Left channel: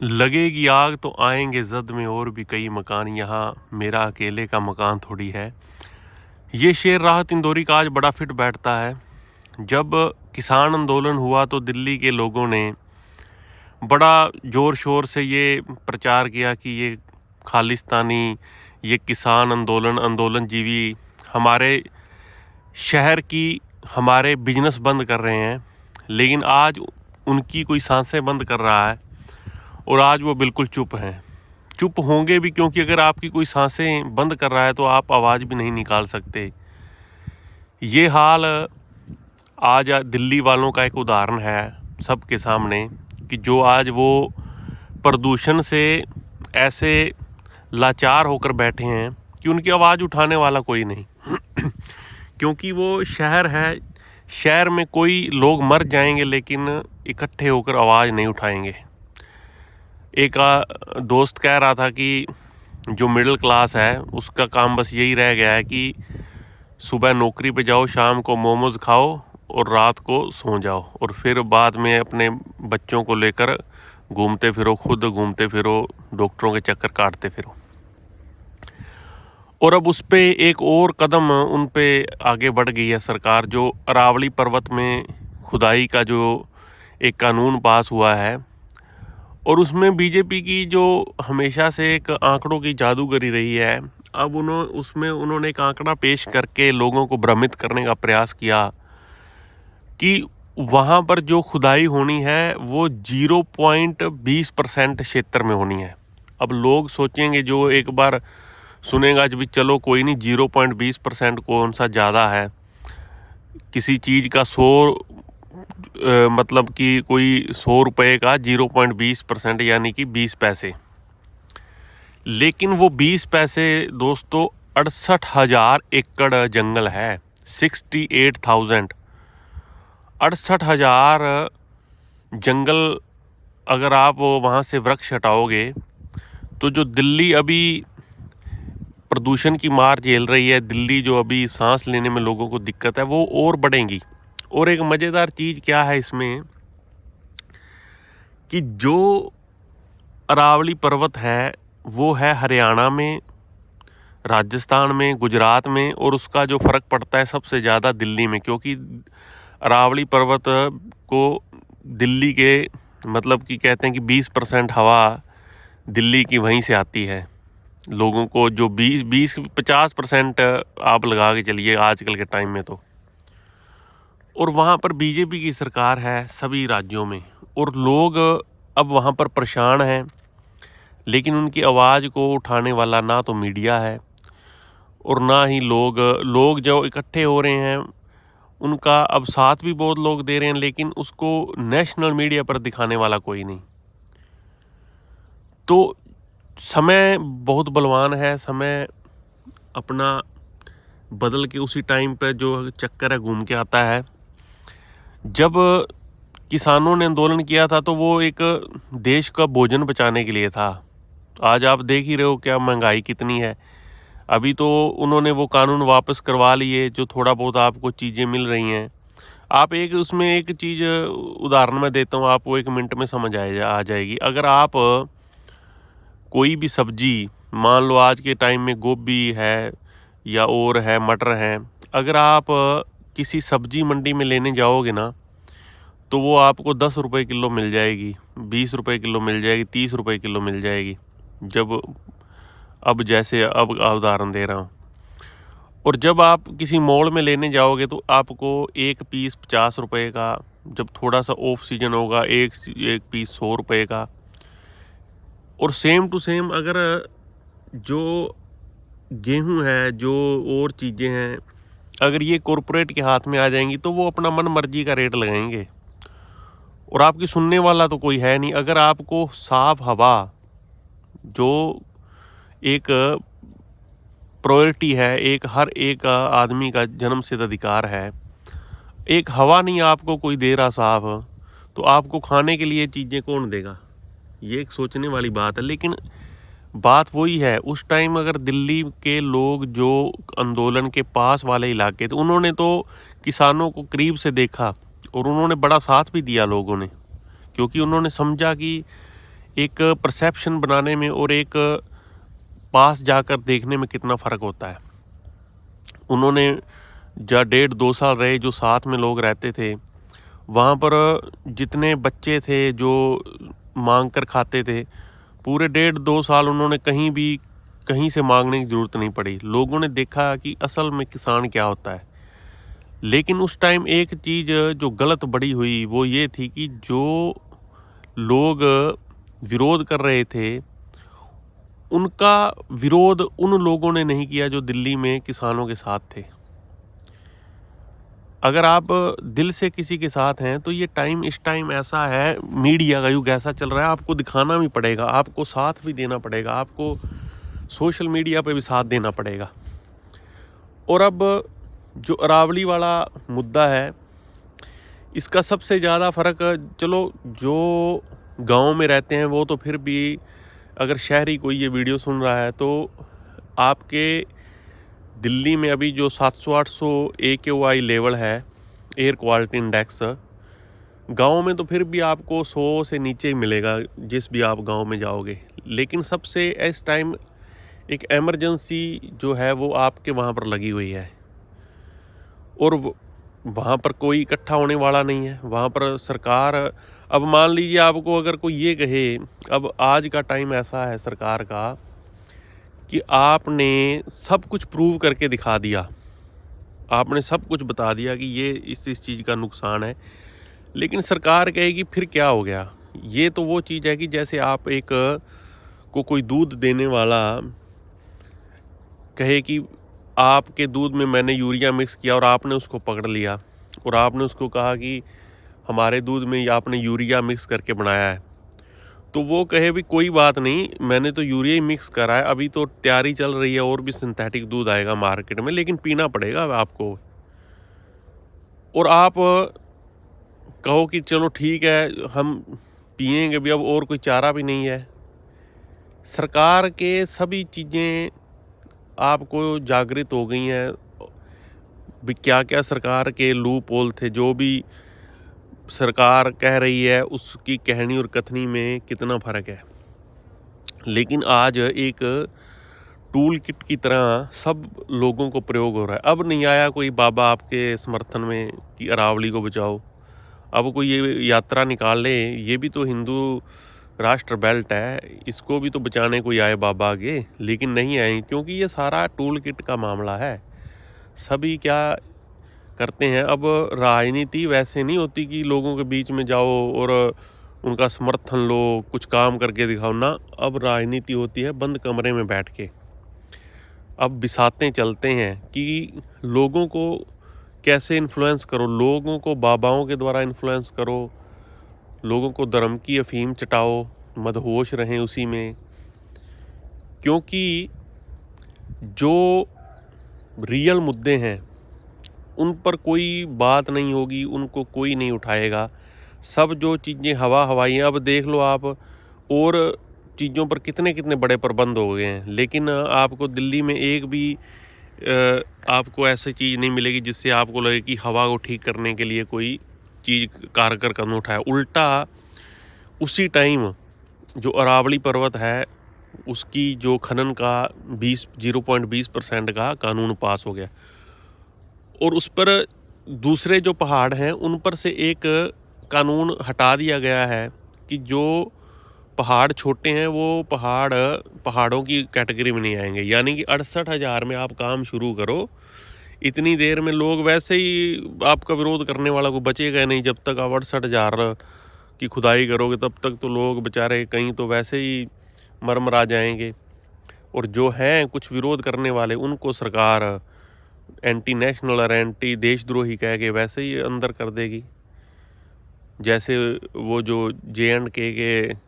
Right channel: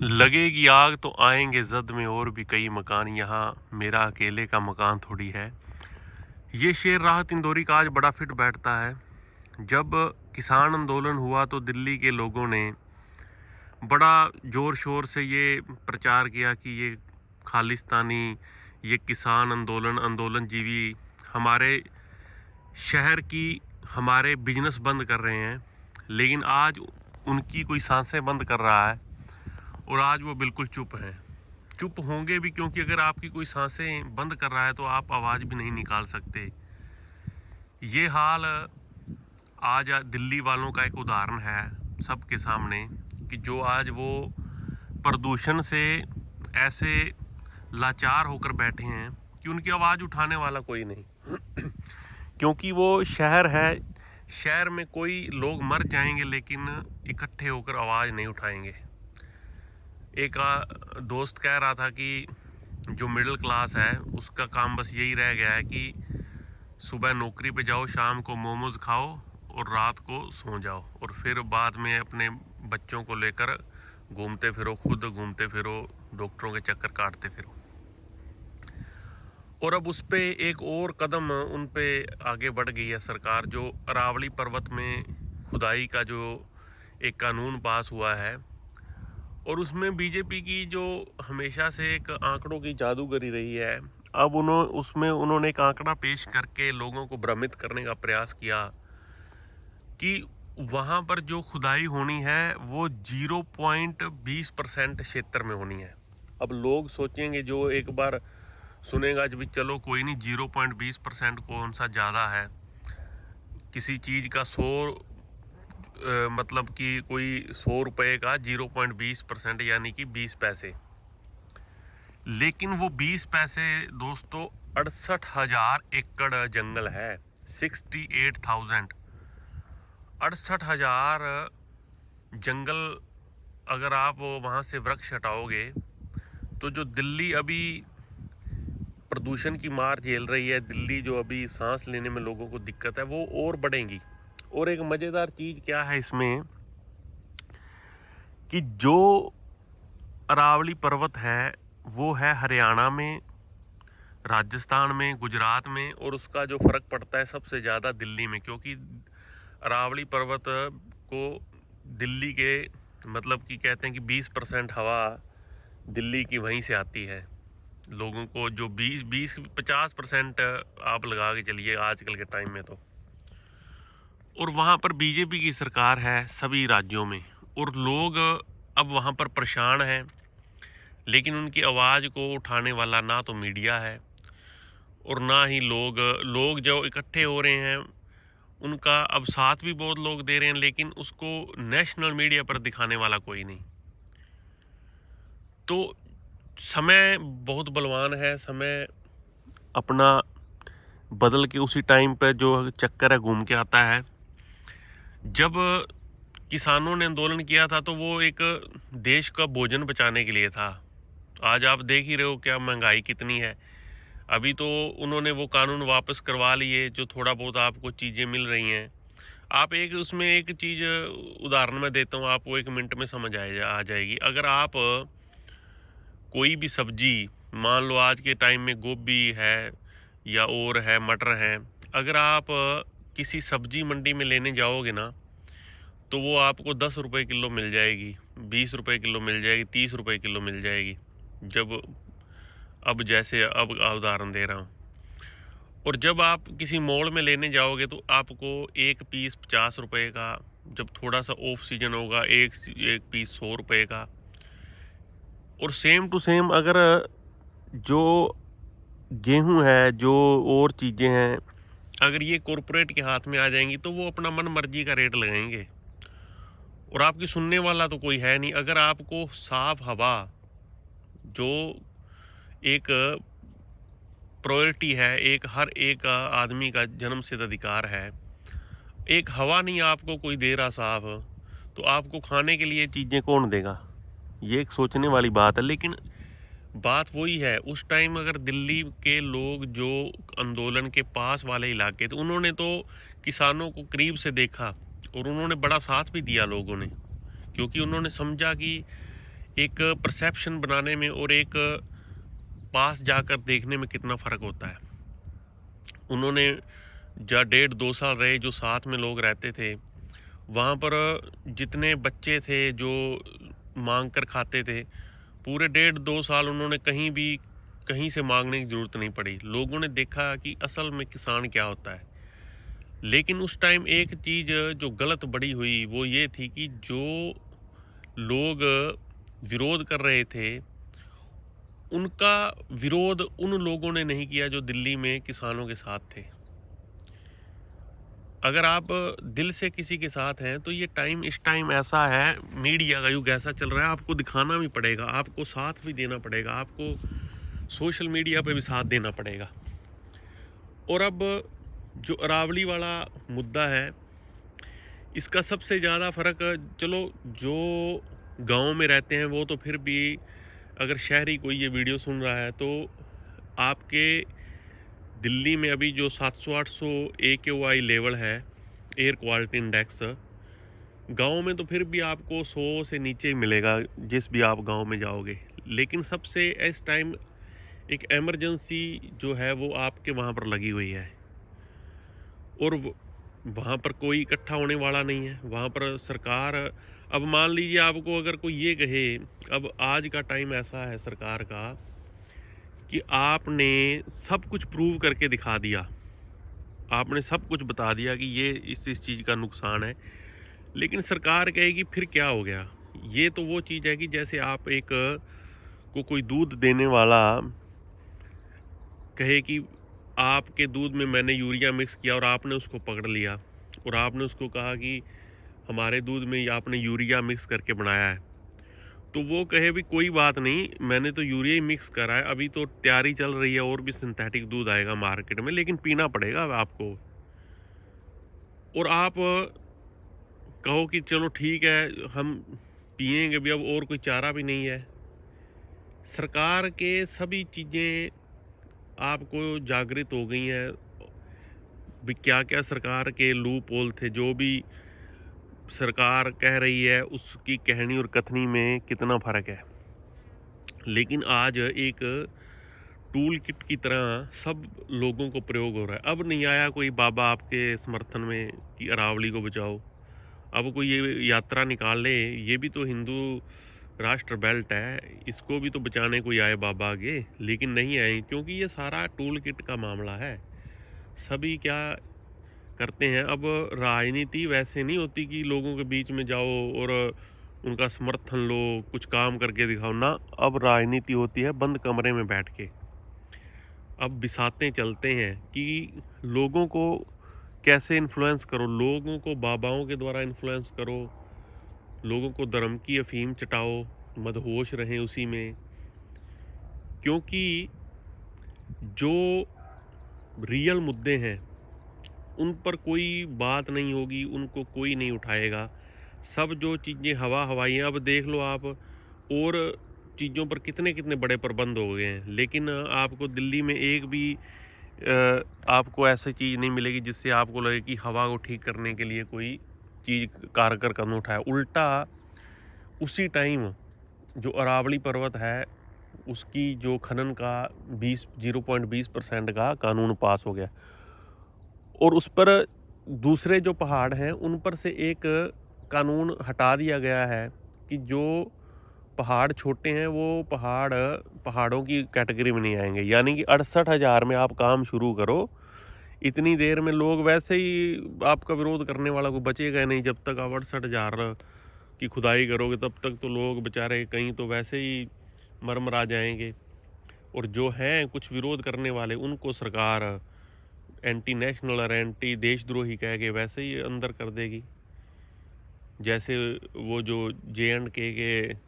लगेगी आग तो आएंगे जद में और भी कई मकान, यहाँ मेरा अकेले का मकान थोड़ी है। ये शेर राहत इंदौरी का आज बड़ा फिट बैठता है। जब किसान आंदोलन हुआ तो दिल्ली के लोगों ने बड़ा ज़ोर शोर से ये प्रचार किया कि ये खालिस्तानी, ये किसान आंदोलन जीवी हमारे शहर की हमारे बिजनेस बंद कर रहे हैं। लेकिन आज उनकी कोई सांसें बंद कर रहा है और आज वो बिल्कुल चुप हैं। चुप होंगे भी क्योंकि अगर आपकी कोई सांसें बंद कर रहा है तो आप आवाज़ भी नहीं निकाल सकते। ये हाल आज दिल्ली वालों का एक उदाहरण है सबके सामने कि जो आज वो प्रदूषण से ऐसे लाचार होकर बैठे हैं कि उनकी आवाज़ उठाने वाला कोई नहीं। क्योंकि वो शहर है, शहर में कोई लोग मर जाएंगे लेकिन इकट्ठे होकर आवाज़ नहीं उठाएंगे। एक दोस्त कह रहा था कि जो मिडिल क्लास है उसका काम बस यही रह गया है कि सुबह नौकरी पे जाओ, शाम को मोमोज खाओ और रात को सो जाओ और फिर बाद में अपने बच्चों को लेकर घूमते फिरो, खुद घूमते फिरो, डॉक्टरों के चक्कर काटते फिरो। और अब उस पे एक और कदम उन पे आगे बढ़ गई है सरकार। जो अरावली पर्वत में खुदाई का जो एक कानून पास हुआ है और उसमें बीजेपी की जो हमेशा से एक आंकड़ों की जादूगरी रही है, अब उन्होंने एक आंकड़ा पेश करके लोगों को भ्रमित करने का प्रयास किया कि वहाँ पर जो खुदाई होनी है वो 0.20% क्षेत्र में होनी है। अब लोग सोचेंगे, जो एक बार सुनेगा जब चलो कोई नहीं, 0.20% कौन सा ज़्यादा है, किसी चीज़ का 100 मतलब कि कोई 100 रुपये का 0.20% यानी कि 20 पैसे। लेकिन वो 20 पैसे दोस्तों 68,000 एकड़ जंगल है। 68,000 68,000 जंगल अगर आप वहाँ से वृक्ष हटाओगे तो जो दिल्ली अभी प्रदूषण की मार झेल रही है, दिल्ली जो अभी सांस लेने में लोगों को दिक्कत है, वो और बढ़ेंगी। और एक मज़ेदार चीज़ क्या है इसमें कि जो अरावली पर्वत है वो है हरियाणा में, राजस्थान में, गुजरात में, और उसका जो फ़र्क पड़ता है सबसे ज़्यादा दिल्ली में। क्योंकि अरावली पर्वत को दिल्ली के मतलब कि कहते हैं कि 20% हवा दिल्ली की वहीं से आती है। लोगों को जो 20-50% आप लगा के चलिए आजकल के टाइम में तो। और वहाँ पर बीजेपी की सरकार है सभी राज्यों में और लोग अब वहाँ पर परेशान हैं, लेकिन उनकी आवाज़ को उठाने वाला ना तो मीडिया है और ना ही लोग जो इकट्ठे हो रहे हैं उनका अब साथ भी बहुत लोग दे रहे हैं, लेकिन उसको नेशनल मीडिया पर दिखाने वाला कोई नहीं। तो समय बहुत बलवान है, समय अपना बदल के उसी टाइम पे जो चक्कर है घूम के आता है। जब किसानों ने आंदोलन किया था तो वो एक देश का भोजन बचाने के लिए था। आज आप देख ही रहे हो क्या महंगाई कितनी है। अभी तो उन्होंने वो कानून वापस करवा लिए, जो थोड़ा बहुत आपको चीज़ें मिल रही हैं। आप एक उसमें एक चीज़ उदाहरण मैं देता हूँ, आपको 1 मिनट में समझ आ जाएगी। अगर आप कोई भी सब्जी, मान लो आज के टाइम में गोभी है या और है, मटर है, अगर आप किसी सब्जी मंडी में लेने जाओगे ना तो वो आपको 10 रुपये किलो मिल जाएगी, 20 रुपये किलो मिल जाएगी, 30 रुपये किलो मिल जाएगी। जब अब जैसे अब उदाहरण दे रहा हूँ। और जब आप किसी मॉल में लेने जाओगे तो आपको एक पीस 50 रुपये का, जब थोड़ा सा ऑफ सीजन होगा एक पीस 100 रुपये का। और सेम टू सेम अगर जो गेहूं है, जो और चीज़ें हैं, अगर ये कॉरपोरेट के हाथ में आ जाएंगी तो वो अपना मन मर्जी का रेट लगाएंगे और आपकी सुनने वाला तो कोई है नहीं। अगर आपको साफ हवा, जो एक प्रायोरिटी है, एक हर एक आदमी का जन्मसिद्ध अधिकार है, एक हवा नहीं आपको कोई दे रहा साफ, तो आपको खाने के लिए चीज़ें कौन देगा? ये एक सोचने वाली बात है। लेकिन बात वही है, उस टाइम अगर दिल्ली के लोग जो आंदोलन के पास वाले इलाके थे, उन्होंने तो किसानों को करीब से देखा और उन्होंने बड़ा साथ भी दिया लोगों ने, क्योंकि उन्होंने समझा कि एक परसेप्शन बनाने में और एक पास जाकर देखने में कितना फ़र्क होता है। उन्होंने जहाँ 1.5-2 साल रहे, जो साथ में लोग रहते थे, वहाँ पर जितने बच्चे थे जो मांग कर खाते थे, पूरे 1.5-2 साल उन्होंने कहीं से मांगने की ज़रूरत नहीं पड़ी। लोगों ने देखा कि असल में किसान क्या होता है। लेकिन उस टाइम एक चीज़ जो गलत बड़ी हुई वो ये थी कि जो लोग विरोध कर रहे थे, उनका विरोध उन लोगों ने नहीं किया जो दिल्ली में किसानों के साथ थे। अगर आप दिल से किसी के साथ हैं तो ये टाइम, इस टाइम ऐसा है, मीडिया का युग ऐसा चल रहा है, आपको दिखाना भी पड़ेगा, आपको साथ भी देना पड़ेगा, आपको सोशल मीडिया पे भी साथ देना पड़ेगा। और अब जो अरावली वाला मुद्दा है, इसका सबसे ज़्यादा फ़र्क, चलो जो गांव में रहते हैं वो तो फिर भी, अगर शहरी कोई ये वीडियो सुन रहा है तो आपके दिल्ली में अभी जो 700-800 AQI लेवल है, एयर क्वालिटी इंडेक्स, गांव में तो फिर भी आपको 100 से नीचे ही मिलेगा जिस भी आप गांव में जाओगे। लेकिन सबसे इस टाइम एक एमरजेंसी जो है वो आपके वहाँ पर लगी हुई है, और वहाँ पर कोई इकट्ठा होने वाला नहीं है। वहाँ पर सरकार, अब मान लीजिए आपको अगर कोई ये कहे, अब आज का टाइम ऐसा है सरकार का कि आपने सब कुछ प्रूव करके दिखा दिया, आपने सब कुछ बता दिया कि ये इस चीज़ का नुकसान है, लेकिन सरकार कहेगी फिर क्या हो गया। ये तो वो चीज़ है कि जैसे आप एक को कोई दूध देने वाला कहे कि आपके दूध में मैंने यूरिया मिक्स किया और आपने उसको पकड़ लिया और आपने उसको कहा कि हमारे दूध में आपने यूरिया मिक्स करके बनाया है, तो वो कहे भी कोई बात नहीं, मैंने तो यूरिया ही मिक्स करा है, अभी तो तैयारी चल रही है और भी सिंथेटिक दूध आएगा मार्केट में, लेकिन पीना पड़ेगा आपको। और आप कहो कि चलो ठीक है हम पिएंगे भी, अब और कोई चारा भी नहीं है। सरकार के सभी चीज़ें आपको जागृत हो गई हैं भी, क्या क्या सरकार के लूप होल थे, जो भी सरकार कह रही है उसकी कहनी और कथनी में कितना फ़र्क है। लेकिन आज एक टूल किट की तरह सब लोगों को प्रयोग हो रहा है। अब नहीं आया कोई बाबा आपके समर्थन में कि अरावली को बचाओ, अब कोई ये यात्रा निकाल ले, ये भी तो हिंदू राष्ट्र बेल्ट है, इसको भी तो बचाने कोई आए बाबा आगे, लेकिन नहीं आए, क्योंकि ये सारा टूल किट का मामला है। सभी क्या करते हैं, अब राजनीति वैसे नहीं होती कि लोगों के बीच में जाओ और उनका समर्थन लो, कुछ काम करके दिखाओ ना। अब राजनीति होती है बंद कमरे में बैठ के। अब बिसाते चलते हैं कि लोगों को कैसे इन्फ्लुएंस करो, लोगों को बाबाओं के द्वारा इन्फ्लुएंस करो, लोगों को धर्म की अफीम चटाओ, मदहोश रहें उसी में, क्योंकि जो रियल मुद्दे हैं उन पर कोई बात नहीं होगी, उनको कोई नहीं उठाएगा। सब जो चीज़ें हवा हवाई हैं, अब देख लो आप, और चीज़ों पर कितने कितने बड़े प्रबंध हो गए हैं, लेकिन आपको दिल्ली में एक भी आपको ऐसी चीज़ नहीं मिलेगी जिससे आपको लगे कि हवा को ठीक करने के लिए कोई चीज़ कारगर कदम उठाया। उल्टा उसी टाइम जो अरावली पर्वत है उसकी जो खनन का 0.20% का कानून पास हो गया, और उस पर दूसरे जो पहाड़ हैं उन पर से एक कानून हटा दिया गया है कि जो पहाड़ छोटे हैं वो पहाड़ों की कैटेगरी में नहीं आएंगे। यानी कि 68,000 में आप काम शुरू करो, इतनी देर में लोग वैसे ही आपका विरोध करने वाला को बचेगा नहीं। जब तक आप 68,000 की खुदाई करोगे तब तक तो लोग बेचारे कहीं तो वैसे ही मरमरा जाएंगे, और जो हैं कुछ विरोध करने वाले उनको सरकार एंटी नेशनल और एंटी देशद्रोही कह के वैसे ही अंदर कर देगी। जैसे वो जो JNK के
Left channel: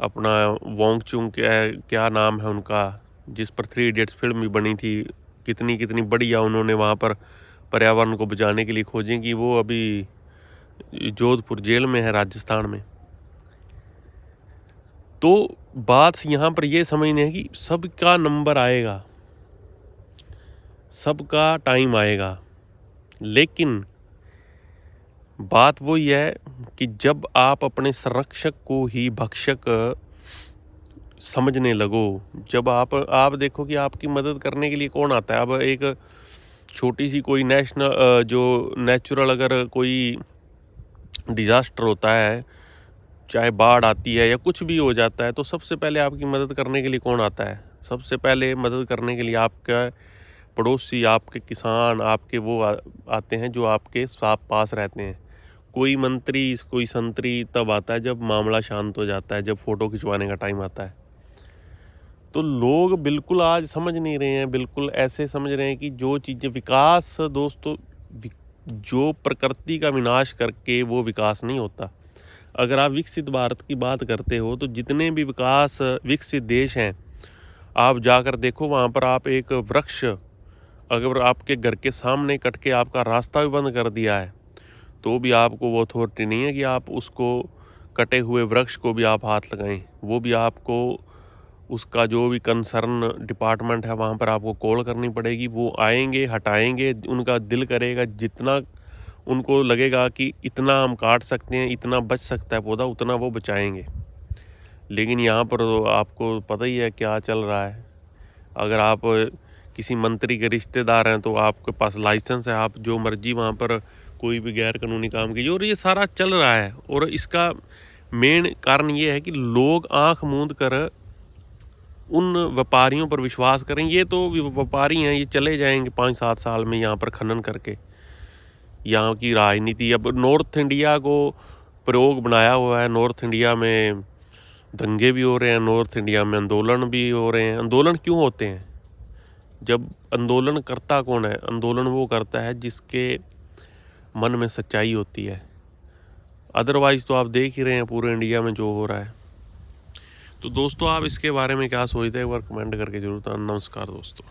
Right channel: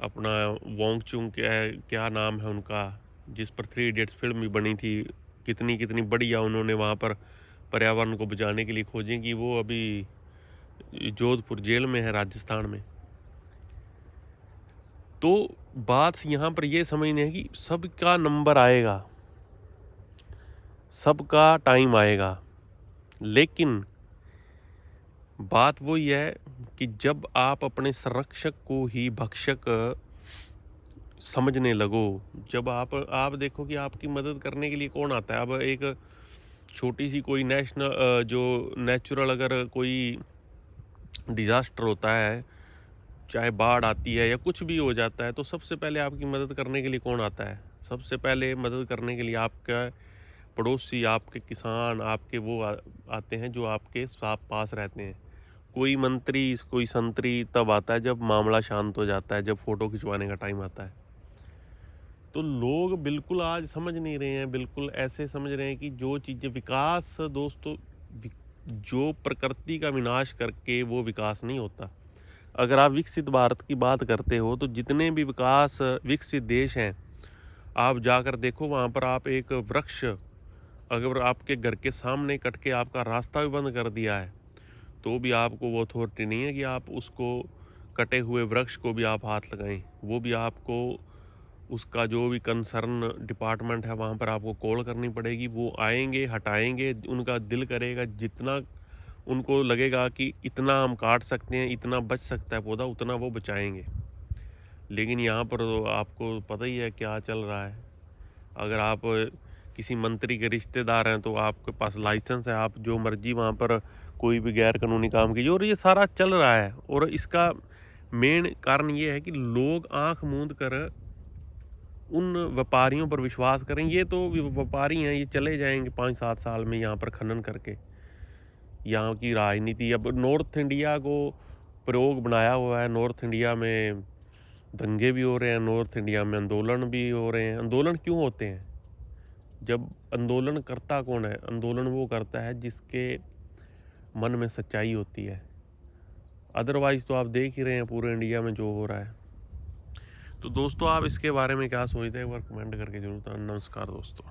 अपना वोंगचुंग क्या नाम है उनका, जिस पर 3 इडियट्स फिल्म भी बनी थी, कितनी कितनी बढ़िया उन्होंने वहाँ पर पर्यावरण को बचाने के लिए खोजें, कि वो अभी जोधपुर जेल में है राजस्थान में। तो बात यहाँ पर ये समझने है कि सबका नंबर आएगा, सबका टाइम आएगा, लेकिन बात वही है, कि जब आप अपने संरक्षक को ही भक्षक समझने लगो, जब आप देखो कि आपकी मदद करने के लिए कौन आता है। अब एक छोटी सी कोई जो नेचुरल अगर कोई डिज़ास्टर होता है, चाहे बाढ़ आती है या कुछ भी हो जाता है, तो सबसे पहले आपकी मदद करने के लिए कौन आता है? सबसे पहले मदद करने के लिए आपका पड़ोसी, आपके किसान, आपके वो आते हैं जो आपके पास रहते हैं। कोई मंत्री, कोई संतरी तब आता है जब मामला शांत हो जाता है, जब फ़ोटो खिंचवाने का टाइम आता है। तो लोग बिल्कुल आज समझ नहीं रहे हैं, बिल्कुल ऐसे समझ रहे हैं कि जो चीज़ें विकास दोस्तों, जो प्रकृति का विनाश करके वो विकास नहीं होता। अगर आप विकसित भारत की बात करते हो तो जितने भी विकसित देश हैं, आप जाकर देखो, वहाँ पर आप एक वृक्ष अगर आपके घर के सामने कट के आपका रास्ता भी बंद कर दिया है, तो भी आपको वो अथॉरिटी नहीं है कि आप उसको कटे हुए वृक्ष को भी आप हाथ लगाएं। वो भी आपको उसका जो भी कंसर्न डिपार्टमेंट है वहाँ पर आपको कॉल करनी पड़ेगी। वो आएंगे, हटाएंगे, उनका दिल करेगा, जितना उनको लगेगा कि इतना हम काट सकते हैं, इतना बच सकता है पौधा, उतना वो बचाएंगे। लेकिन यहाँ पर तो आपको पता ही है क्या चल रहा है। अगर आप किसी मंत्री के रिश्तेदार हैं तो आपके पास लाइसेंस है, आप जो मर्जी वहाँ पर कोई भी गैर कानूनी काम कीजिए, और ये सारा चल रहा है। और इसका मेन कारण ये है कि लोग आंख मूंद कर उन व्यापारियों पर विश्वास करें। ये तो व्यापारी हैं, ये चले जाएंगे 5-7 साल में यहाँ पर खनन करके। यहाँ की राजनीति अब नॉर्थ इंडिया को प्रयोग बनाया हुआ है। नॉर्थ इंडिया में दंगे भी हो रहे हैं, नॉर्थ इंडिया में आंदोलन भी हो रहे हैं। आंदोलन क्यों होते हैं? जब आंदोलन करता कौन है? आंदोलन वो करता है जिसके मन में सच्चाई होती है। अदरवाइज़ तो आप देख ही रहे हैं पूरे इंडिया में जो हो रहा है। तो दोस्तों, आप इसके बारे में क्या सोचते हैं, एक बार कमेंट करके जरूर बताना। नमस्कार दोस्तों।